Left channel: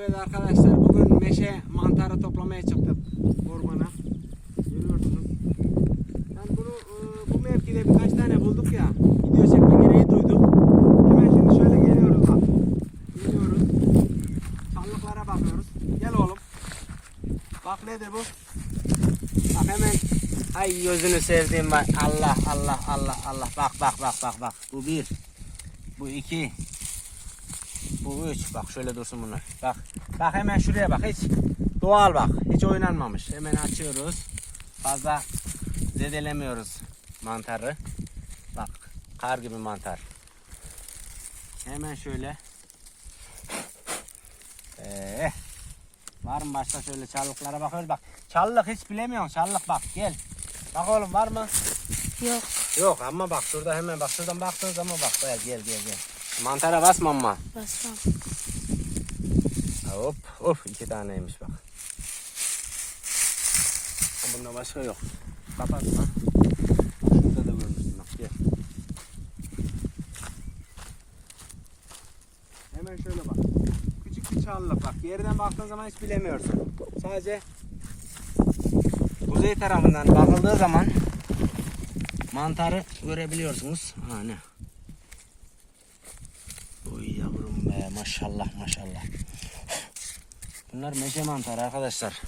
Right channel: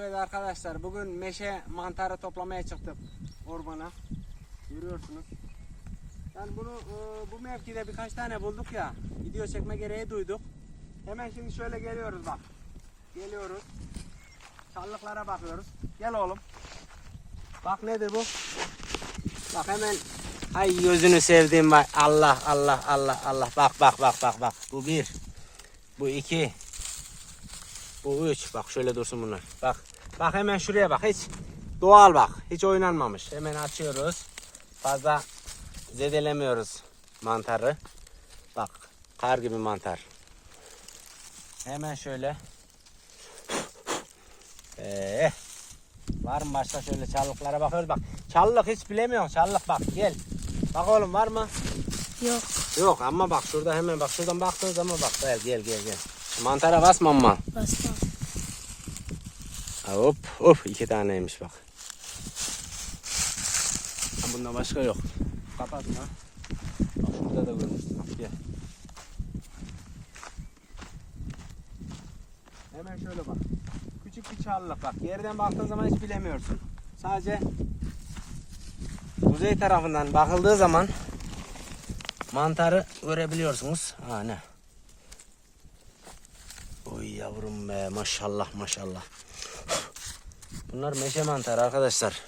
Evet arkadaşlar bugün meşe mantarı toplamaya çıktık ormana. Görüyorsunuz. Yani bunu e, bu mevkide birkaç tane bulduk ya. Video çekme gereği duyduk. Hemen şimdi şöyle geliyoruz bak. Geliyoruz. Çallıklara bakıyoruz. Gel oğlum. Bak nedir bu? Bak hemen Ay gözünü sevdiğim bak. Allah Allah Allah Allah. Bak bak bak bak bak. Bu bir. Bu iki. Bu üç. Bak şöyle dursun bunlar. Bak. Bak hemen şuraya bak. Hiç doğal bak. Hiç oynanmamış. Hemen açıyoruz. Fazla zedelemiyoruz mantarı. Bak. Kar gibi mantar. Hemen şöyle. Ee, var mı başka şöyle çalılıklara bakıyoruz bak. Çalılık hiç bilemiyorum. Çalılık bak gel. Bak oğlum var mı? Yok. Yok ama bak şurada hemen bak şuradan baktığın zaman bak gel gel gel gel. Mantara basma ama. Basmam. Hop hop iki taneymiş bak. Bunda başka yok. Kapat lan. Şurada da görürsün. Gel. Hemen şöyle bak. Küçük bir çalılık bak. Yerden baktığın zaman hiç bilemiyorsun. Sadece kuzey tarafından bakıldığı zaman mantarı görebiliyorsunuz. Ha ne? Maşallah maşallah. Bunlar meşe mantarı arkadaşlar.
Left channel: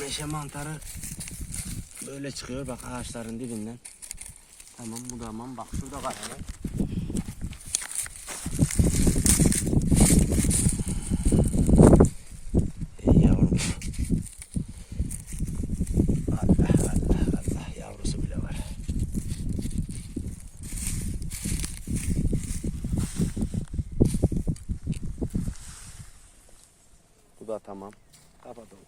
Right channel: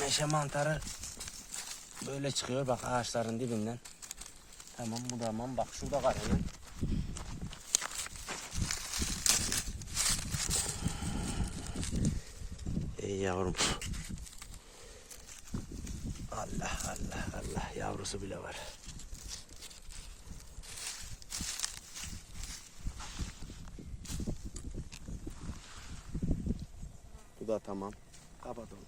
Meşe mantarı böyle çıkıyor bak ağaçların dibinden. Tamam bu da tamam bak şurada kareli. Ey yavrum. Allah Allah Allah yavrusu bile var. Bu da tamam. Kapatalım.